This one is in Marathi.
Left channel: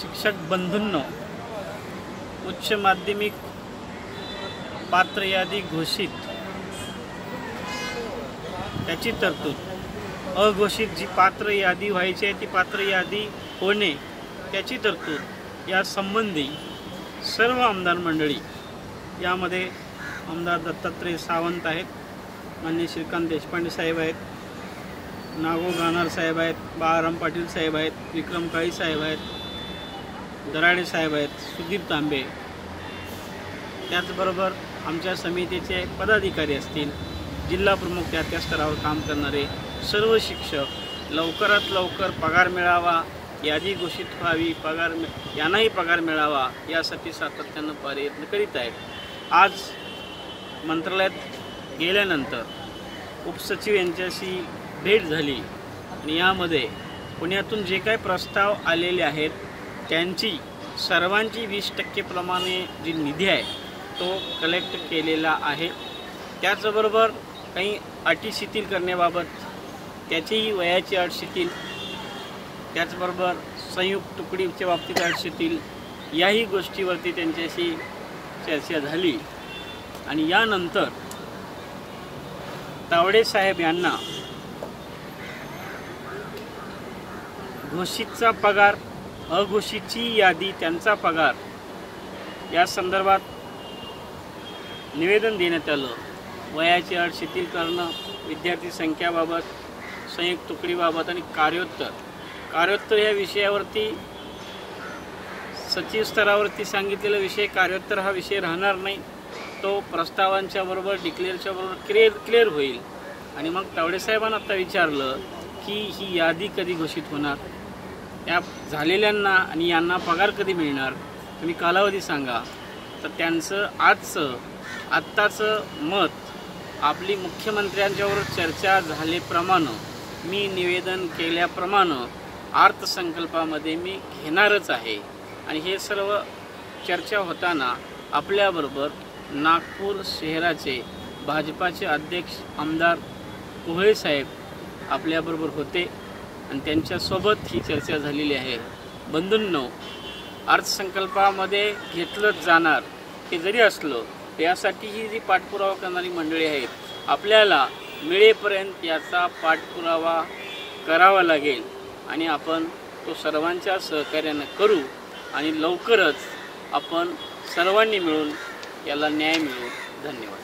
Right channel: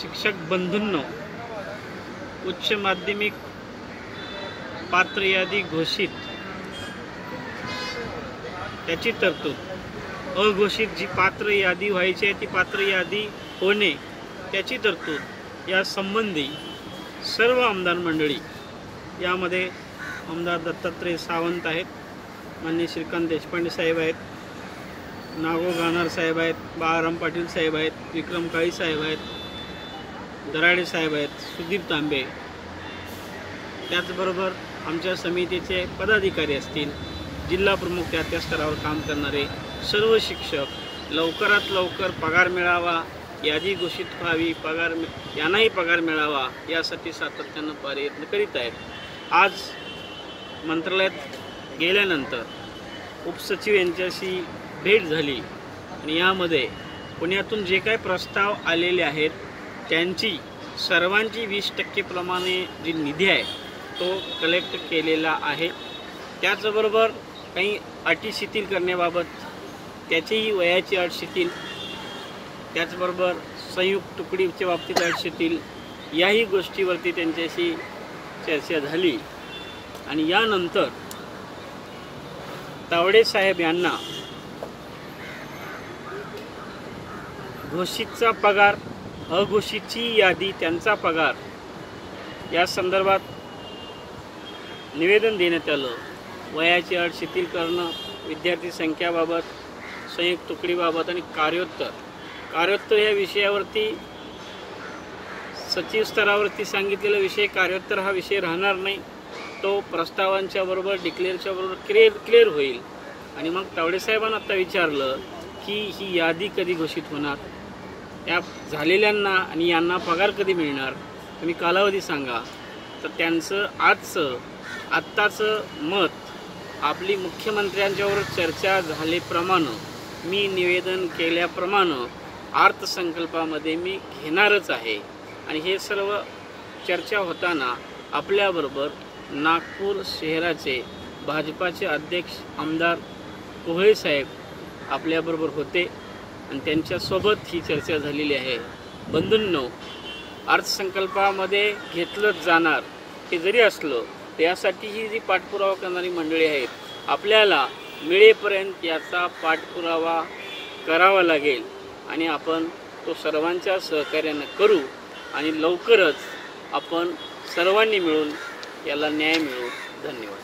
शिक्षक बंधूंनो, उच्च माध्यमिक पात्र यादी घोषित त्याची तरतूद, अघोषित जी पात्र यादी व्हायची आहे ती पात्र यादी होणे त्याची तरतूद या संबंधी सर्व आमदार मंडळी, यामध्ये आमदार दत्तात्रय सावंत आहेत, माननीय श्रीकांत देशपांडे साहेब आहेत, नागो गानार साहेब आहेत, बाळाराम पाटील साहेब आहेत, विक्रम काळी साहेब आहेत, दराडे साहेब आहेत, सुदीप तांबे, त्याचबरोबर आमच्या समितीचे पदाधिकारी असतील, जिल्हा प्रमुख त्या स्तरावर काम करणारे सर्व शिक्षक, लवकरात लवकर पगार मिळावा, यादी घोषित व्हावी, यांनाही पगार मिळावा यासाठी सातत्यानं प्रयत्न करीत आहेत. आज मंत्रालयात गेल्यानंतर उपसचिव यांच्याशी भेट झाली आणि यामध्ये पुण्यातून जे काही प्रस्ताव आलेले आहेत त्यांची सर्वांची 20% प्रमाणे जी निधी आहे तो कलेक्ट केलेला आहे. त्याचबरोबर काही अटी शिथिल करण्याबाबत त्याचीही वयाची अट शिथिल, त्याचबरोबर संयुक्त तुकडीच्या बाबतीत अट शिथिल, याही गोष्टीवरती त्यांच्याशी चर्चा झाली आणि यानंतर तावडे साहेब यांना घोषितचा पगार, अघोषितची यादी, त्यांचा पगार या संदर्भात निवेदन देण्यात आलं. वयाची अट शिथिल करणं, विद्यार्थी संख्याबाबत, संयुक्त तुकडीबाबत आणि कार्योत्तर या विषयावरती सचिव स्तरावरती सांगितलेला विषय, कार्योत्तर हा विषय राहणार नाही, तो प्रस्तावांच्या बरोबर डिक्लेअरच्या बरोबर क्लिअर होईल. आणि मग तावडे साहेबांना आता विचारलं की ही यादी कधी घोषित होणार, या झालेल्यांना आणि यांना पगार कधी मिळणार, तुम्ही कालावधी सांगा. तर त्यांचं आत्ताचं मत आपली मुख्यमंत्र्यांच्यावर चर्चा झाल्याप्रमाणे, मी निवेदन केल्याप्रमाणे अर्थसंकल्पामध्ये मी घेणारच आहे. आणि हे सर्व चर्चा होताना आपल्याबरोबर नागपूर शहराचे भाजपाचे अध्यक्ष आमदार कोहळे साहेब आपल्याबरोबर होते आणि त्यांच्यासोबत ही चर्चा झालेली आहे. बंधूंनो, अर्थसंकल्पामध्ये घेतलंच जाणार हे जरी असलं त्यासाठी ही जी पाठपुरावा करणारी मंडळी आहेत, आपल्याला मिळेपर्यंत याचा पाठपुरावा करावा लागेल आणि आपण तो सर्वांच्या सहकार्यानं करू आणि लवकरच आपण सर्वांनी मिळून याला न्याय मिळवू. धन्यवाद.